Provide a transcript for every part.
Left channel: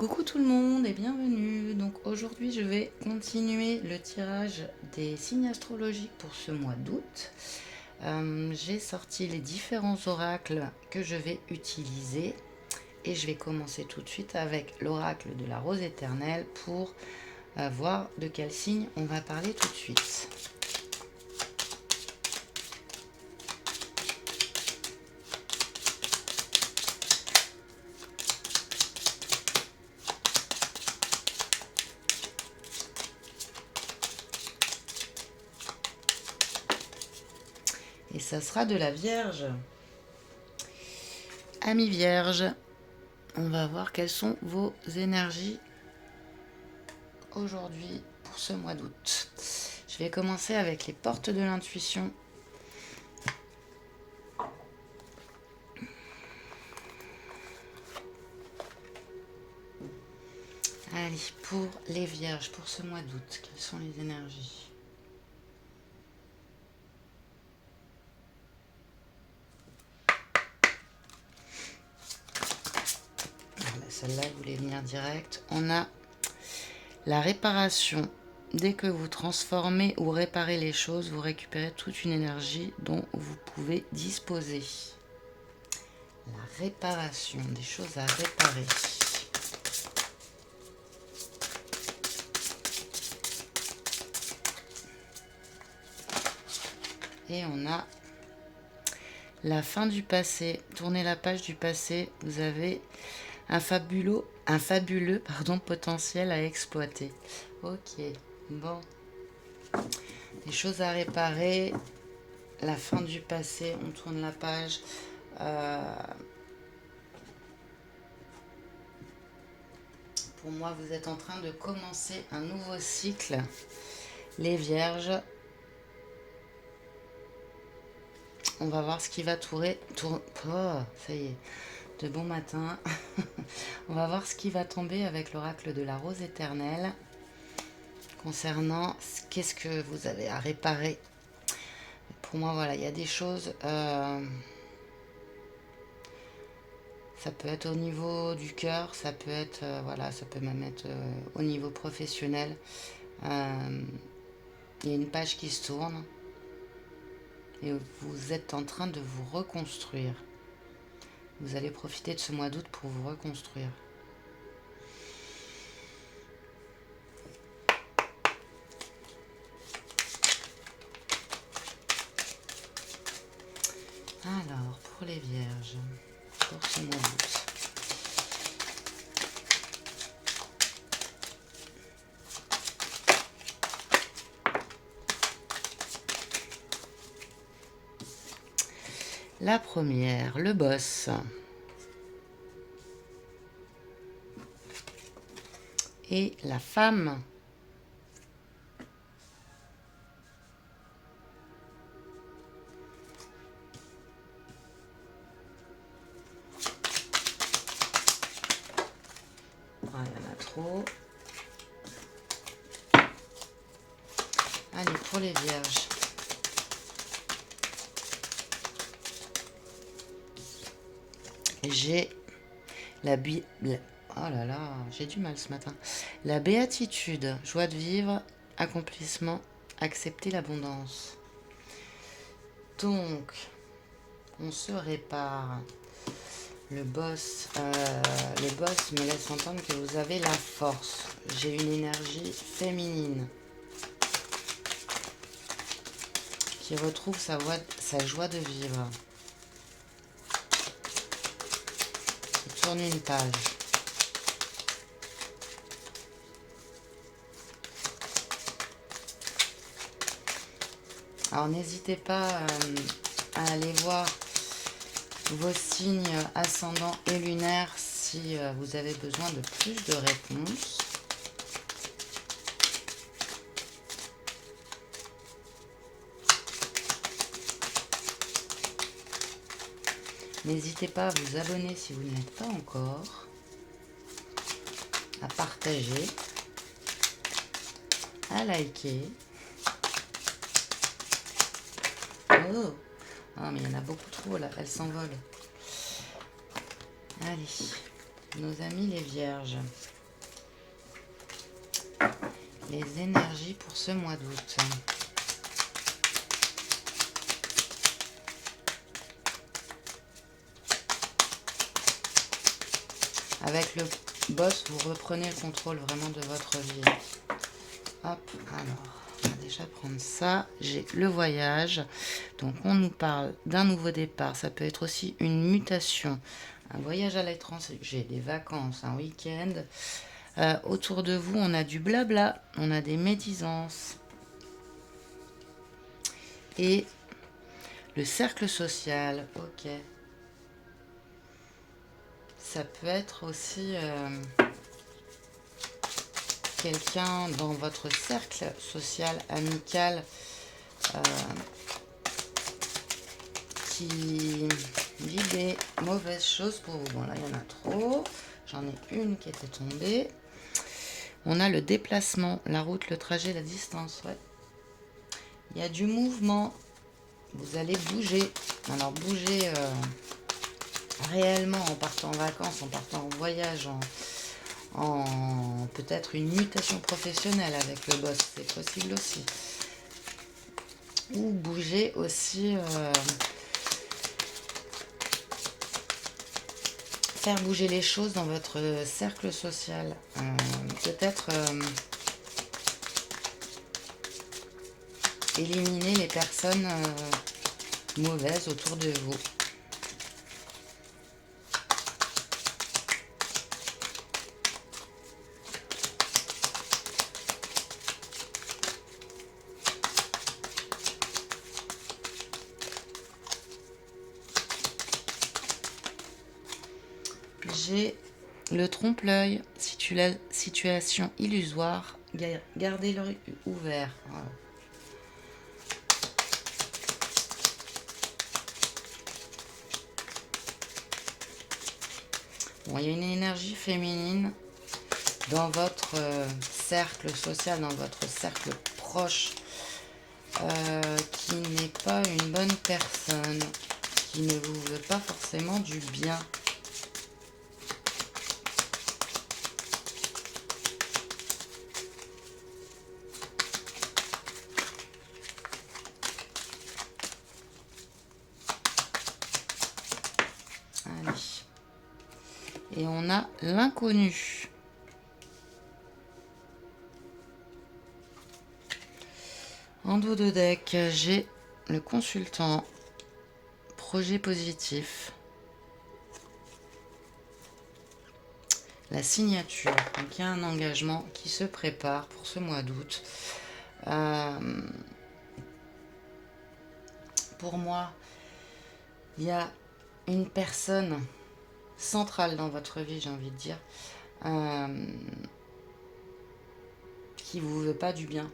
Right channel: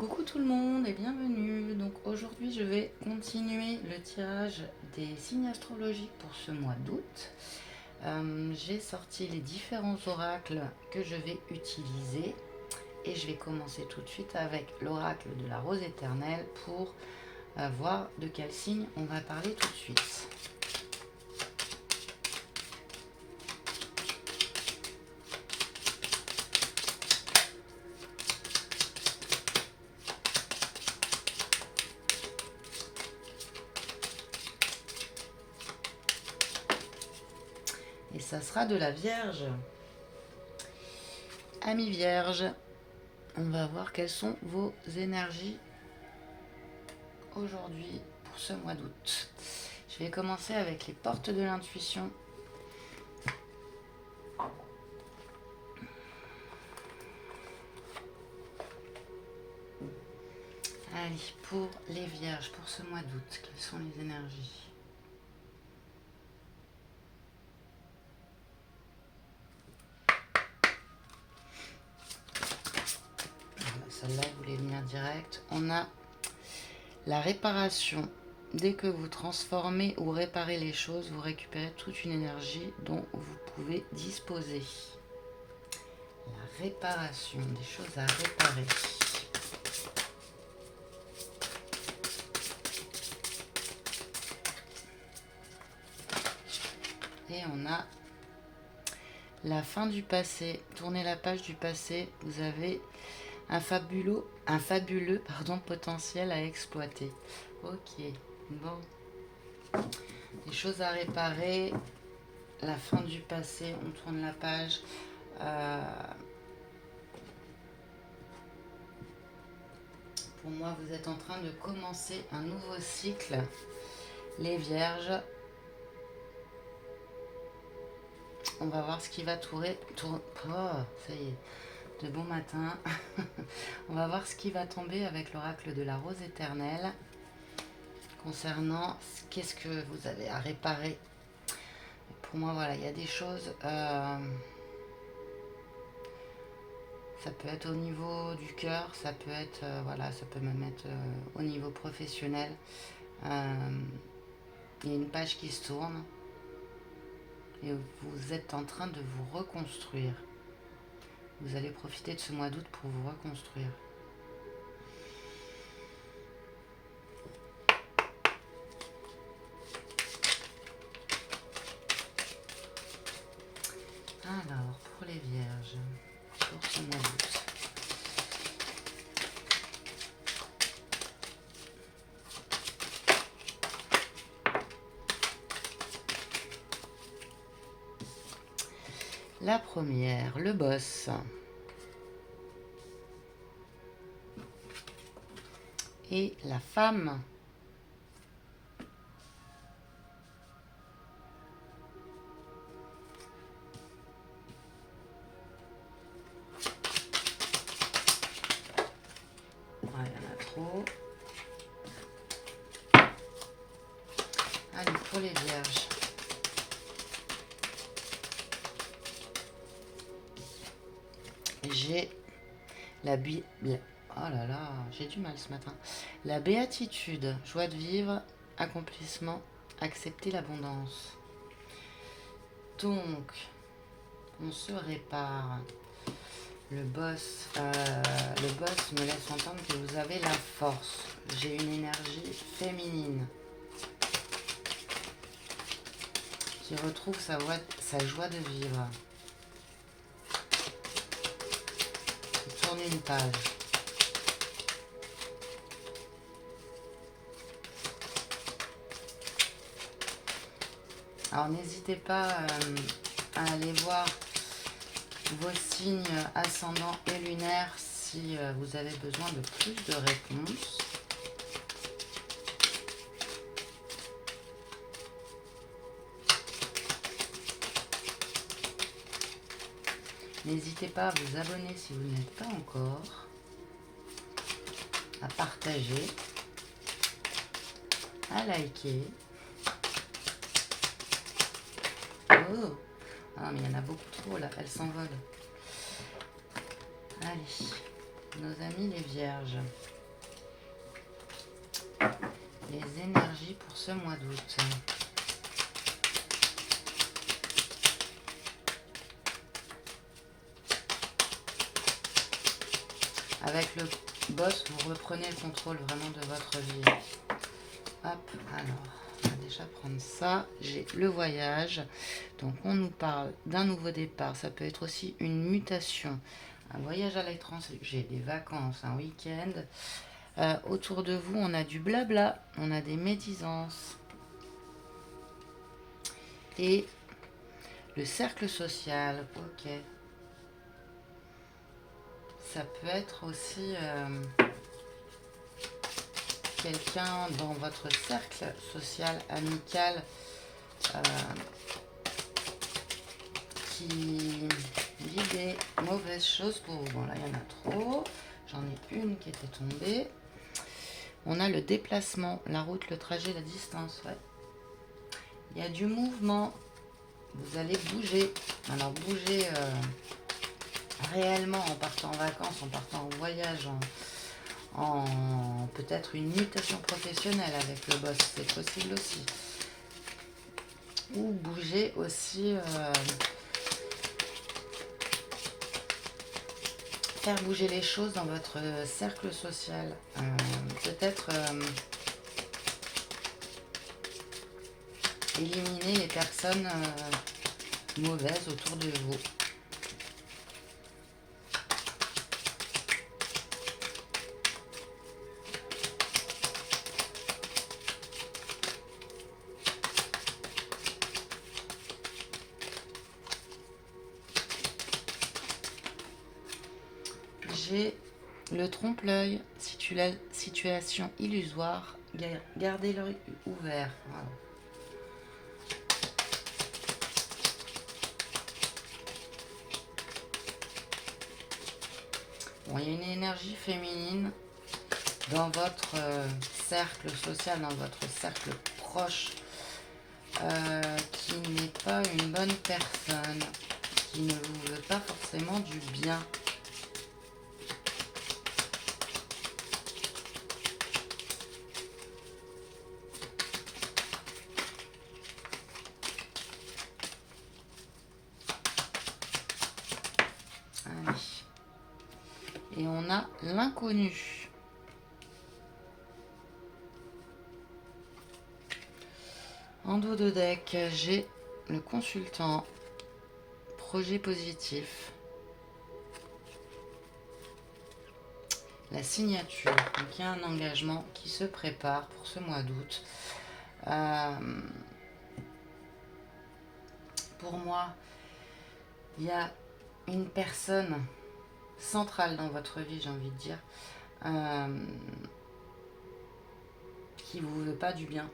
Coucou tout le monde et bienvenue. Donc aujourd'hui je vais continuer le tirage des signes astrologiques pour ce mois d'août. J'ai sorti les différents oracles que je vais utiliser et je vais commencer tout de suite avec l'oracle de la rose éternelle pour voir de quel signe on va parler tout de suite. Et ça sera de la Vierge. Amis Vierge, on va voir quelles sont vos énergies aujourd'hui pour ce mois d'août. Je vais commencer avec les portes de l'intuition. Allez, pour les Vierges, pour ce mois d'août, quelles sont les énergies? Celle-là voulait venir direct. On a la réparation. Dès que vous transformez ou réparez les choses, vous récupérez toute une énergie dont vous pouvez disposer. La réparation, des choses à réparer. Et on a la fin du passé. Tournez la page du passé. Vous avez un fabuleux potentiel à exploiter. Ok, bon. Des choses à réparer. La fin du passé, on tourne la page. Pour moi, vous êtes en train de commencer un nouveau cycle. Les Vierges. On va voir ce qui va tourner. Oh, ça y est. De bon matin. On va voir ce qui va tomber avec l'oracle de la rose éternelle. Concernant qu'est-ce que vous avez à réparer. Pour moi, voilà, il y a des choses. Ça peut être au niveau du cœur, ça peut être, voilà, ça peut même être au niveau professionnel. Il y a une page qui se tourne et vous êtes en train de vous reconstruire. Vous allez profiter de ce mois d'août pour vous reconstruire. Alors, pour les Vierges, pour ce mois d'août. La première, le boss. Et la femme. Il y en a trop. Allez, pour les Vierges. J'ai oh là là, j'ai du mal ce matin. La béatitude, joie de vivre, accomplissement, accepter l'abondance. Donc, on se répare. Le boss me laisse entendre que vous avez la force. J'ai une énergie féminine qui retrouve sa joie de vivre. Qui tourne une page. Alors n'hésitez pas à aller voir vos signes ascendants et lunaires si vous avez besoin de plus de réponses. N'hésitez pas à vous abonner si vous ne l'êtes pas encore, à partager, à liker. Oh, ah, mais il y en a beaucoup trop là, elles s'envolent. Allez. nos amis les vierges. Les énergies pour ce mois d'août. Avec le boss, vous reprenez le contrôle vraiment de votre vie. Hop, alors, on va déjà prendre ça. J'ai le voyage. Donc, on nous parle d'un nouveau départ. Ça peut être aussi une mutation. Un voyage à l'étranger, des vacances, un week-end. Autour de vous, on a du blabla. On a des médisances. Et le cercle social. Ok. Ça peut être aussi quelqu'un dans votre cercle social, amical, qui dit des mauvaises choses pour vous. Bon, là, il y en a trop. J'en ai une qui était tombée. On a le déplacement, la route, le trajet, la distance. Ouais. Il y a du mouvement. Vous allez bouger. Alors, bouger réellement en partant en vacances, en partant en voyage, en peut-être une mutation professionnelle avec le boss, c'est possible aussi. Ou bouger aussi, faire bouger les choses dans votre cercle social. Peut-être éliminer les personnes mauvaises autour de vous. J'ai le trompe-l'œil, situation illusoire, gardez l'œil ouvert. Voilà. Bon, il y a une énergie féminine dans votre cercle social, dans votre cercle proche, qui n'est pas une bonne personne, qui ne vous veut pas forcément du bien. Allez. Et on a l'inconnu. En dos de deck, j'ai le consultant, projet positif, la signature. Donc il y a un engagement qui se prépare pour ce mois d'août. Pour moi, il y a une personne centrale dans votre vie, j'ai envie de dire, qui vous veut pas du bien.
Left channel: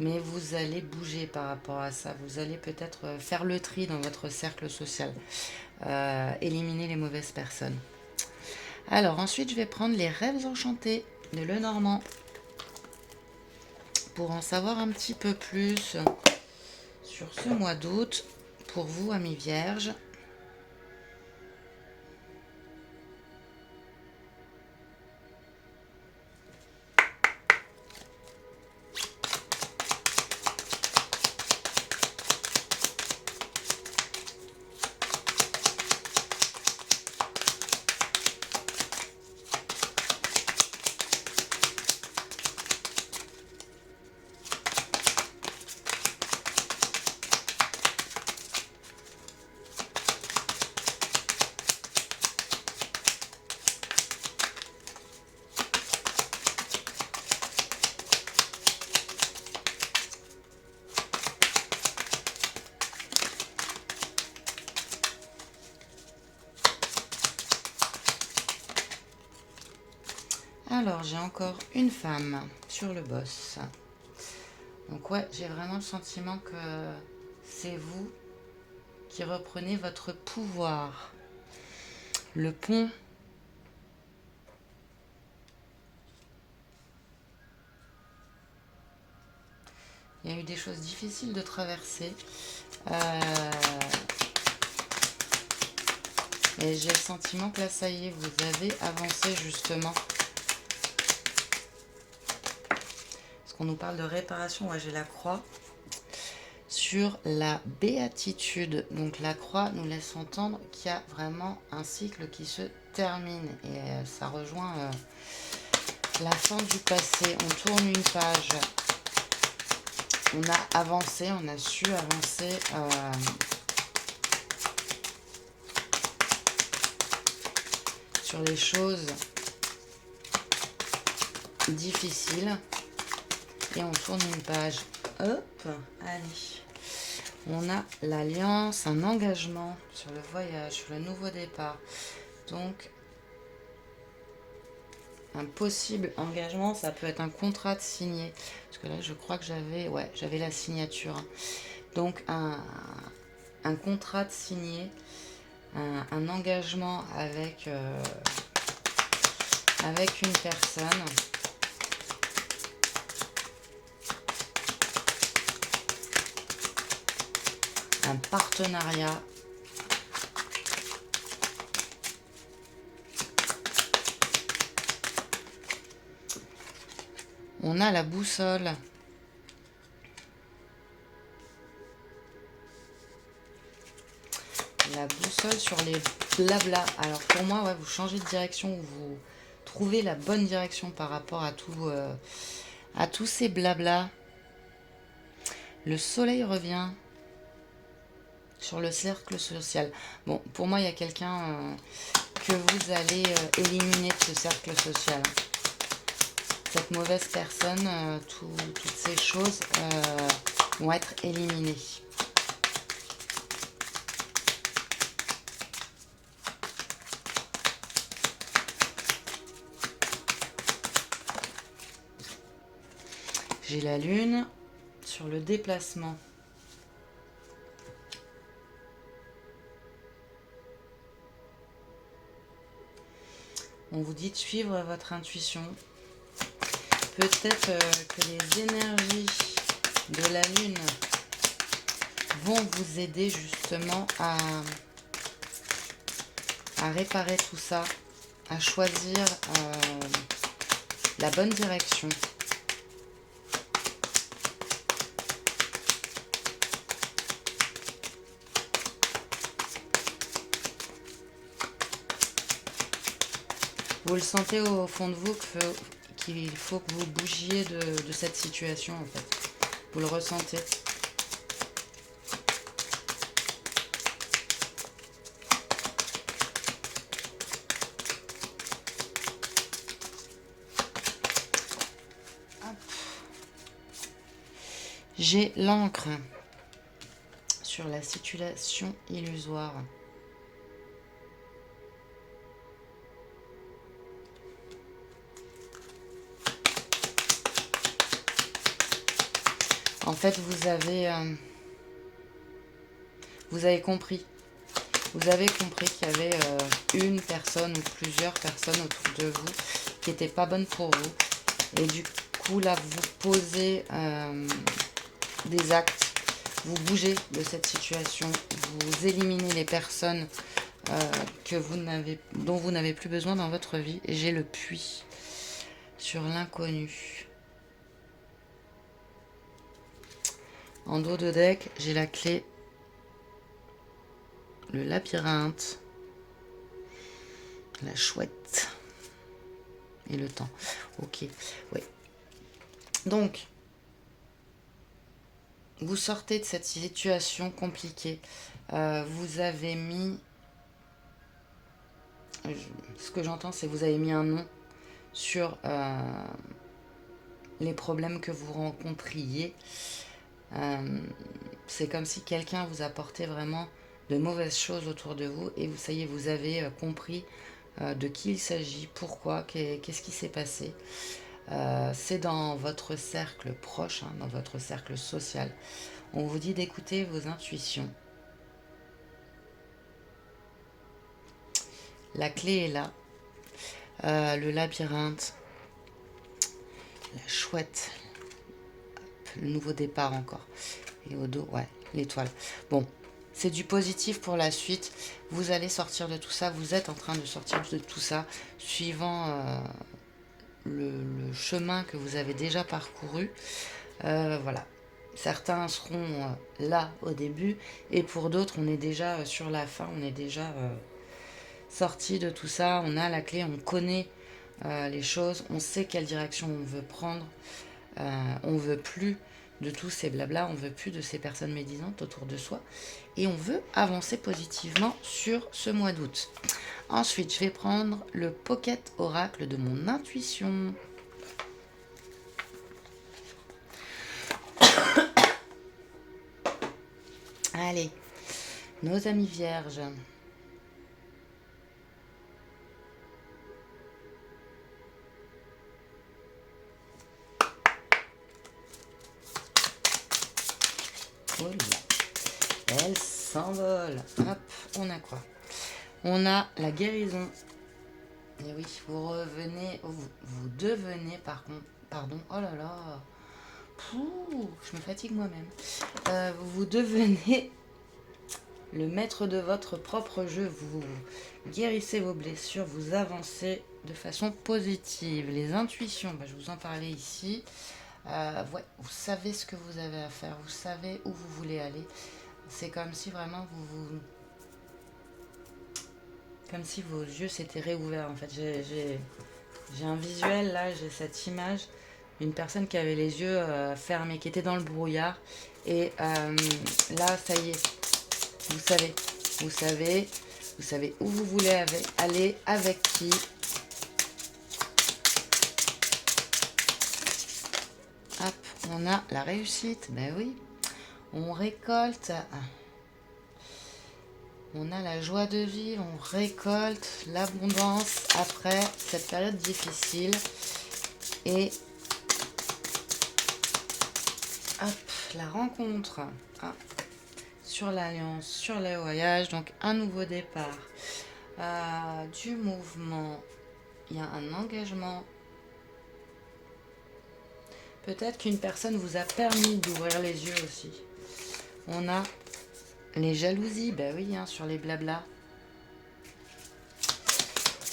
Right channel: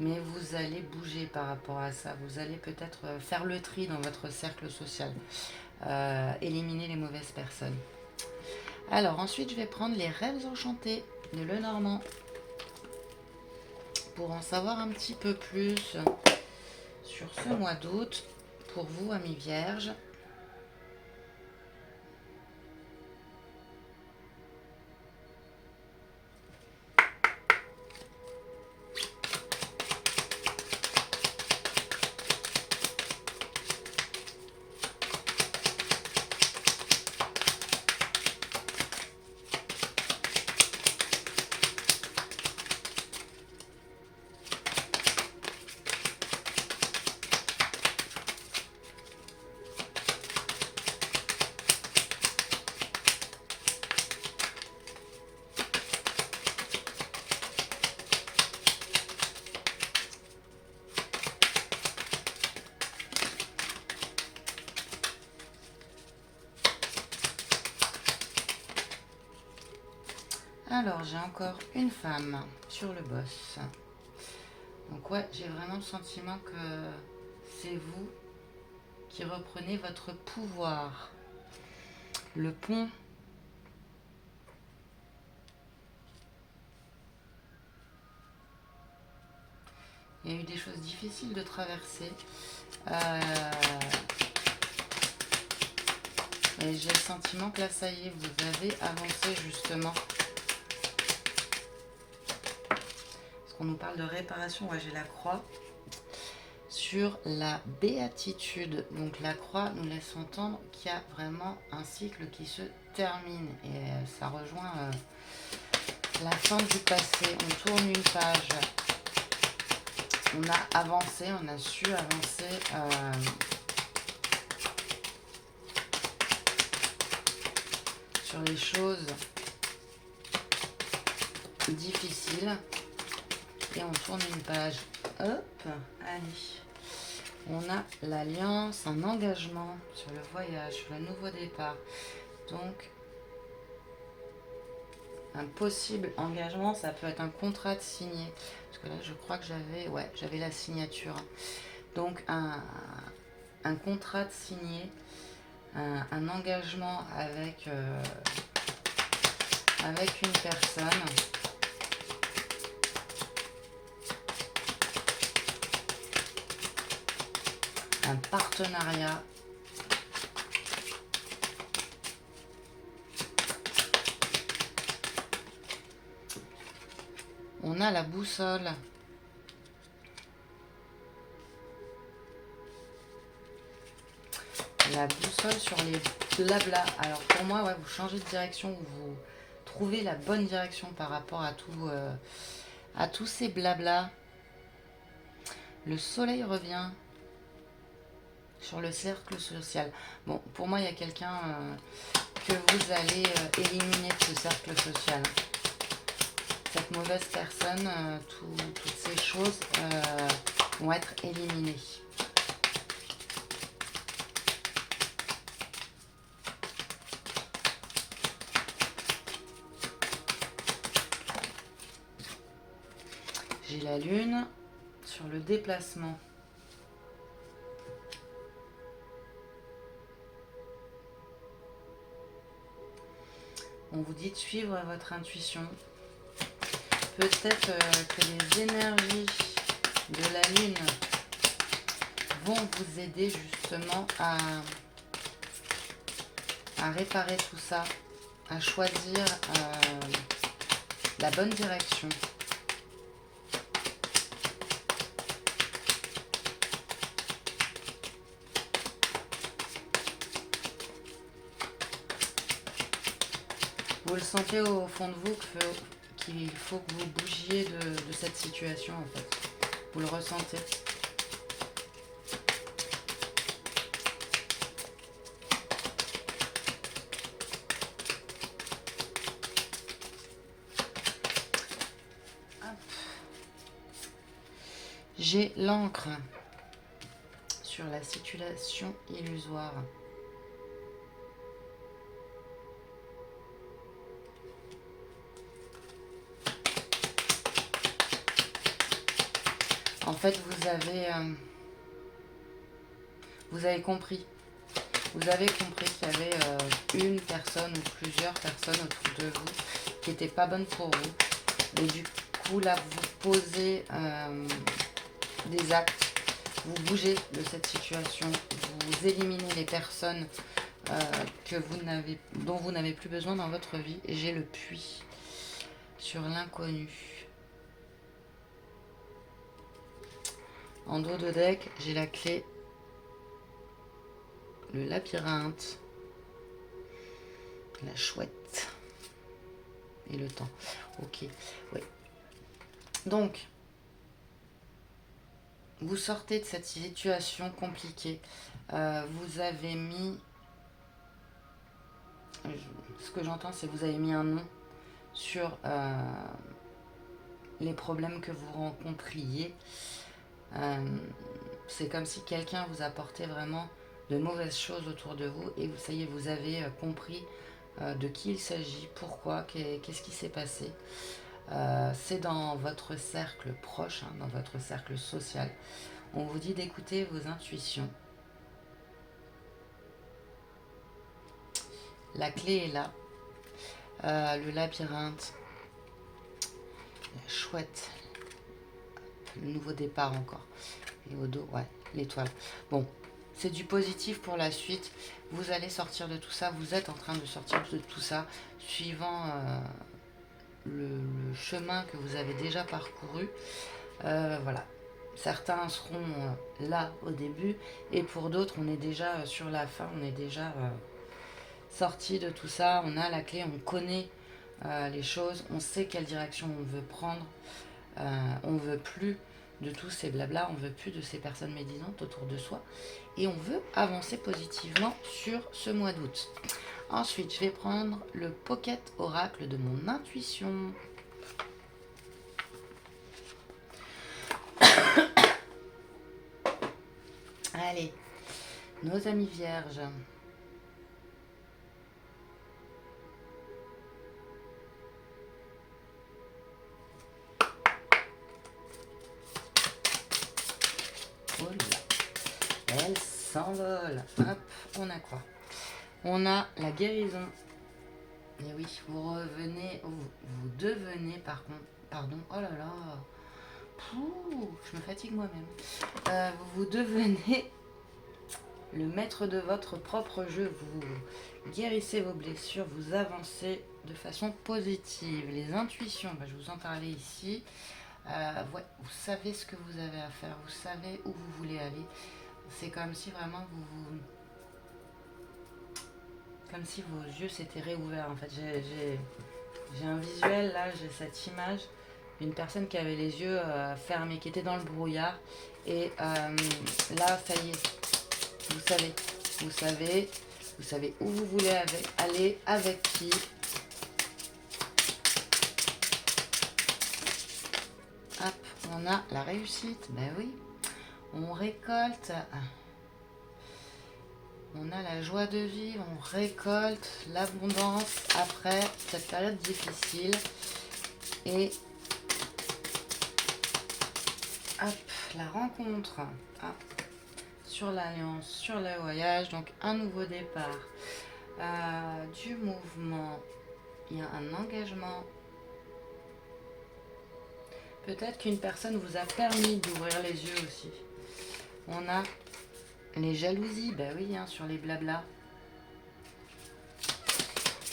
Mais vous allez bouger par rapport à ça. Vous allez peut-être faire le tri dans votre cercle social. Éliminer les mauvaises personnes. Alors ensuite, je vais prendre les rêves enchantés de Lenormand. Pour en savoir un petit peu plus sur ce mois d'août, pour vous, amis vierges. Alors, j'ai encore une femme sur le boss. Donc ouais, j'ai vraiment le sentiment que c'est vous qui reprenez votre pouvoir. Le pont. Il y a eu des choses difficiles de traverser. Et j'ai le sentiment que là, ça y est, vous avez avancé justement. Parce qu'on nous parle de réparation. Moi, j'ai la croix sur la béatitude. Donc la croix nous laisse entendre qu'il y a vraiment un cycle qui se termine. Et ça rejoint la fin du passé. On tourne une page. On a avancé, on a su avancer. Sur les choses difficiles. Et on tourne une page. Hop, allez. On a l'alliance, un engagement sur le voyage, sur le nouveau départ. Donc, un possible engagement, ça peut être un contrat de signé. Parce que là, je crois que j'avais la signature. Donc, un contrat de signé, un engagement avec une personne. Un partenariat. On a la boussole. La boussole sur les blabla. Alors pour moi, ouais, vous changez de direction, vous trouvez la bonne direction par rapport à tous ces blabla. Le soleil revient sur le cercle social. Bon, pour moi, il y a quelqu'un que vous allez éliminer de ce cercle social. Cette mauvaise personne, toutes ces choses vont être éliminées. J'ai la lune sur le déplacement. On vous dit de suivre votre intuition. Peut-être que les énergies de la lune vont vous aider justement à réparer tout ça, à choisir la bonne direction. Vous le sentez au fond de vous qu'il faut que vous bougiez de cette situation en fait. Vous le ressentez. J'ai l'encre sur la situation illusoire. En fait, vous avez compris. Vous avez compris qu'il y avait une personne ou plusieurs personnes autour de vous qui n'étaient pas bonnes pour vous. Et du coup, là, vous posez des actes. Vous bougez de cette situation. Vous éliminez les personnes dont vous n'avez plus besoin dans votre vie. Et j'ai le puits sur l'inconnu. En dos de deck, j'ai la clé, le labyrinthe, la chouette et le temps. Ok, oui. Donc, vous sortez de cette situation compliquée. Vous avez mis... Ce que j'entends, c'est que vous avez mis un nom sur les problèmes que vous rencontriez. C'est comme si quelqu'un vous apportait vraiment de mauvaises choses autour de vous et ça y est, vous avez compris de qui il s'agit, pourquoi, qu'est-ce qui s'est passé. C'est dans votre cercle proche, hein, dans votre cercle social. On vous dit d'écouter vos intuitions. La clé est là. Le labyrinthe, la chouette, le nouveau départ encore. Et au dos, ouais, l'étoile. Bon, c'est du positif pour la suite. Vous allez sortir de tout ça. Vous êtes en train de sortir de tout ça, suivant le chemin que vous avez déjà parcouru. Voilà. Certains seront là au début, et pour d'autres, on est déjà sur la fin. On est déjà sorti de tout ça. On a la clé, on connaît les choses, on sait quelle direction on veut prendre. On veut plus de tous ces blabla, on veut plus de ces personnes médisantes autour de soi, et on veut avancer positivement sur ce mois d'août. Ensuite, je vais prendre le Pocket Oracle de mon intuition. Allez, nos amis vierges. Oh là, elle s'envole. Hop, on a quoi? On a la guérison. Et oui, vous revenez, vous devenez pardon, oh là là, pouh, je me fatigue moi-même. Vous devenez le maître de votre propre jeu, vous guérissez vos blessures, vous avancez de façon positive. Les intuitions, je vous en parlais ici. Ouais, vous savez ce que vous avez à faire, vous savez où vous voulez aller. C'est comme si vraiment comme si vos yeux s'étaient réouverts. En fait, j'ai un visuel là, j'ai cette image d'une personne qui avait les yeux fermés, qui était dans le brouillard. Et là, ça y est, vous savez où vous voulez aller, avec qui. Hop, on a la réussite, ben oui, on récolte. On a la joie de vivre, on récolte l'abondance après cette période difficile. Et hop, la rencontre sur l'alliance, sur le voyage, donc un nouveau départ, du mouvement, il y a un engagement. Peut-être qu'une personne vous a permis d'ouvrir les yeux aussi. On a les jalousies, ben oui, sur les blablas.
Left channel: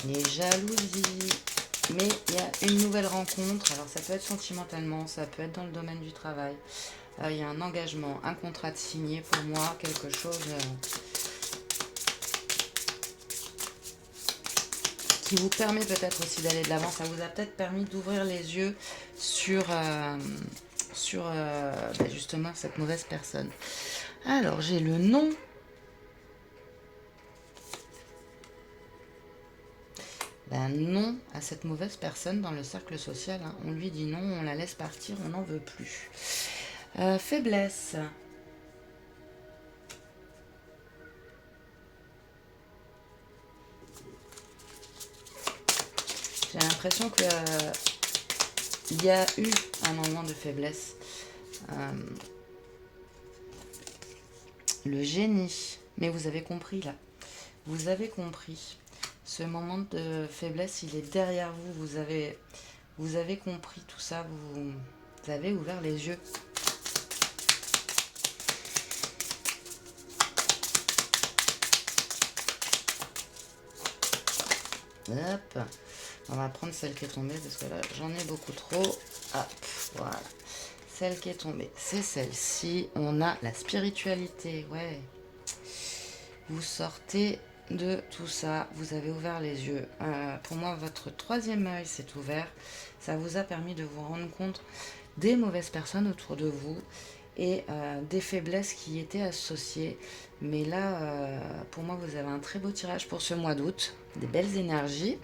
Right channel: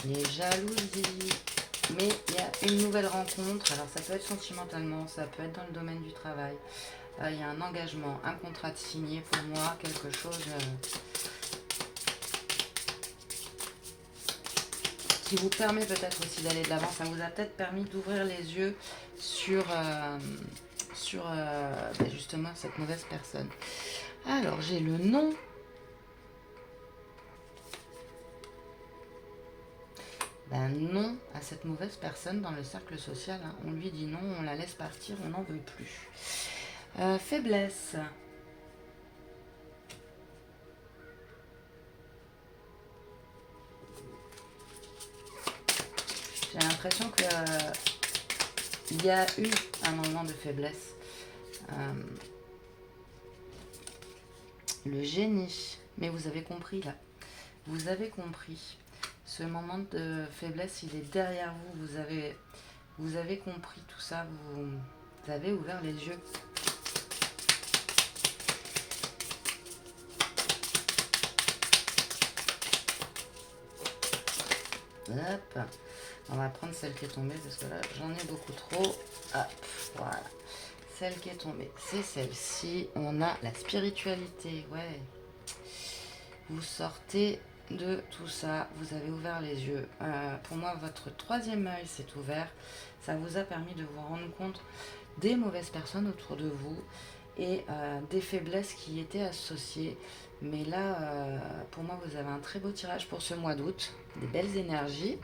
Les jalousies. Mais il y a une nouvelle rencontre. Alors ça peut être sentimentalement, ça peut être dans le domaine du travail. Il y a un engagement, un contrat de signé pour moi, quelque chose qui vous permet peut-être aussi d'aller de l'avant. Ça vous a peut-être permis d'ouvrir les yeux sur justement cette mauvaise personne. Alors j'ai le nom. Non à cette mauvaise personne dans le cercle social. On lui dit non, on la laisse partir, on n'en veut plus. Faiblesse. J'ai l'impression que il y a eu un moment de faiblesse. Le génie. Mais vous avez compris là. Vous avez compris. Ce moment de faiblesse, il est derrière vous. Vous avez compris tout ça. Vous avez ouvert les yeux. Hop. On va prendre celle qui est tombée parce que là, j'en ai beaucoup trop. Hop, voilà. Celle qui est tombée, c'est celle-ci. On a la spiritualité. Ouais. Vous sortez de tout ça, vous avez ouvert les yeux. Pour moi, votre troisième œil s'est ouvert. Ça vous a permis de vous rendre compte des mauvaises personnes autour de vous et des faiblesses qui y étaient associées. Mais là, pour moi, vous avez un très beau tirage pour ce mois d'août. Des belles énergies.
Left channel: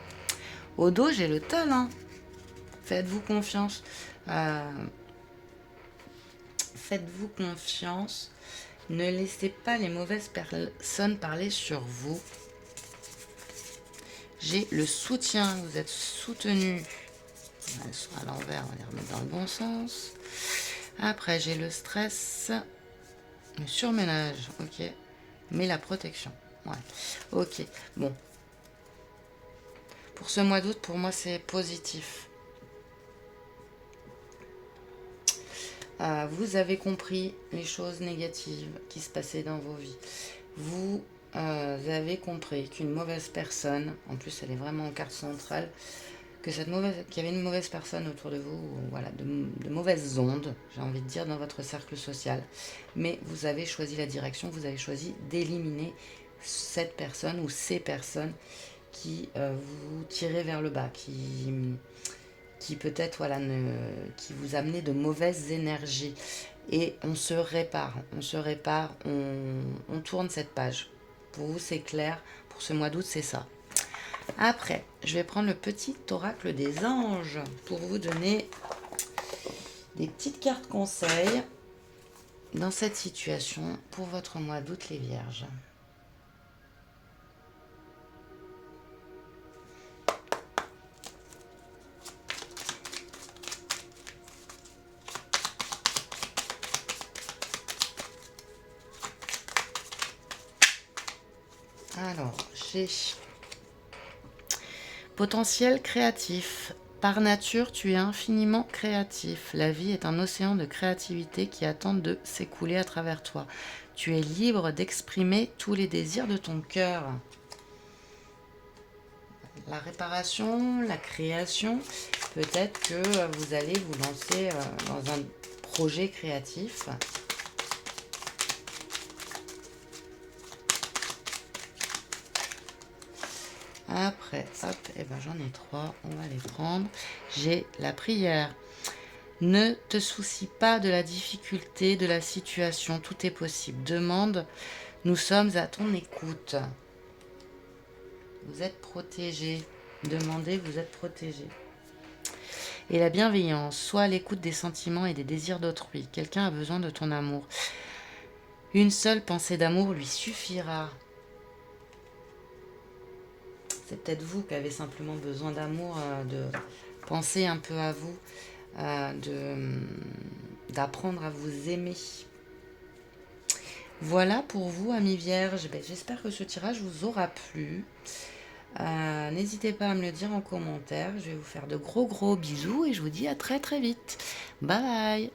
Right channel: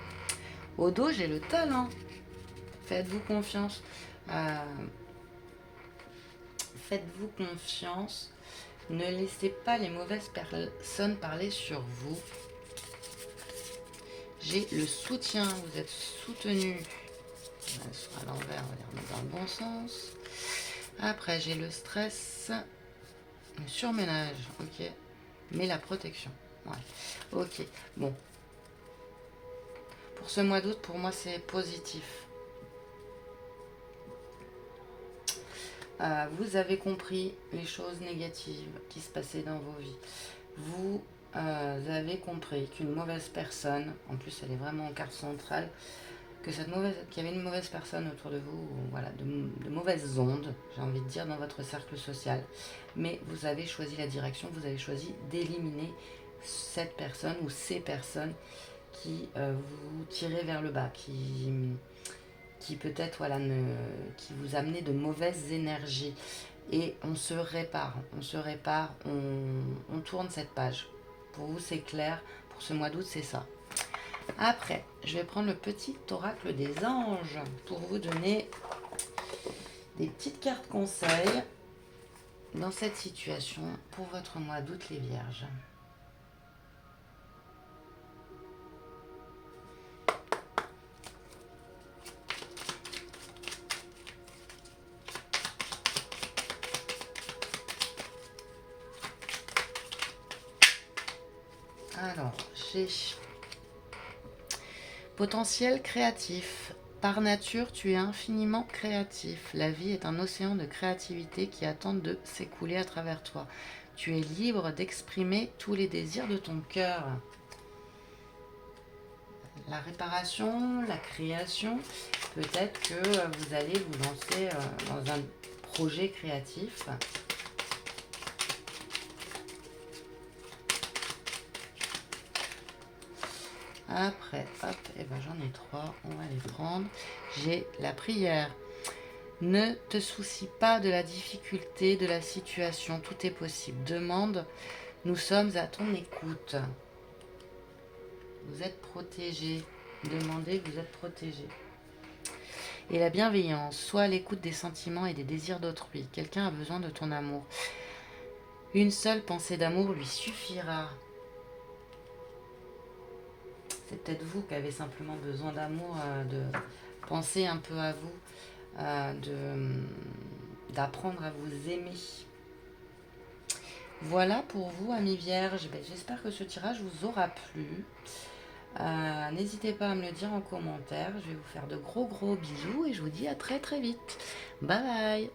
Au dos, j'ai le talent. Faites-vous confiance. Faites-vous confiance. Ne laissez pas les mauvaises personnes parler sur vous. J'ai le soutien, vous elles soutenu. Elles sont à l'envers, on va les remettre dans le bon sens. Après, j'ai le stress, le surménage, ok. Mais la protection, ouais. Ok, bon. Pour ce mois d'août, pour moi, c'est positif. vous avez compris les choses négatives qui se passaient dans vos vies. Vous avez compris qu'une mauvaise personne, en plus elle est vraiment en carte centrale, qu'il y avait une mauvaise personne autour de vous, voilà, de mauvaises ondes, j'ai envie de dire, dans votre cercle social. Mais vous avez choisi la direction, vous avez choisi d'éliminer cette personne ou ces personnes qui vous tiraient vers le bas, qui peut-être voilà, qui vous amenaient de mauvaises énergies. Et on se répare, on tourne cette page. Pour vous, c'est clair, pour ce mois d'août, c'est ça. Après, je vais prendre le petit oracle des anges pour vous donner des petites cartes conseils dans cette situation pour votre mois d'août, les vierges. Alors, j'ai potentiel créatif. Par nature, tu es infiniment créatif. La vie est un océan de créativité qui attend de s'écouler à travers toi. Tu es libre d'exprimer tous les désirs de ton cœur. La réparation, la création, peut-être que vous allez vous lancer dans un projet créatif. Après, hop, et ben j'en ai 3, on va les prendre. J'ai la prière. Ne te soucie pas de la difficulté de la situation, tout est possible. Demande, nous sommes à ton écoute. Vous êtes protégé. Demandez, vous êtes protégé. Et la bienveillance, sois à l'écoute des sentiments et des désirs d'autrui. Quelqu'un a besoin de ton amour. Une seule pensée d'amour lui suffira. C'est peut-être vous qui avez simplement besoin d'amour, de penser un peu à vous, d'apprendre à vous aimer. Voilà pour vous, amis vierges. J'espère que ce tirage vous aura plu. N'hésitez pas à me le dire en commentaire. Je vais vous faire de gros bisous et je vous dis à très vite. Bye bye.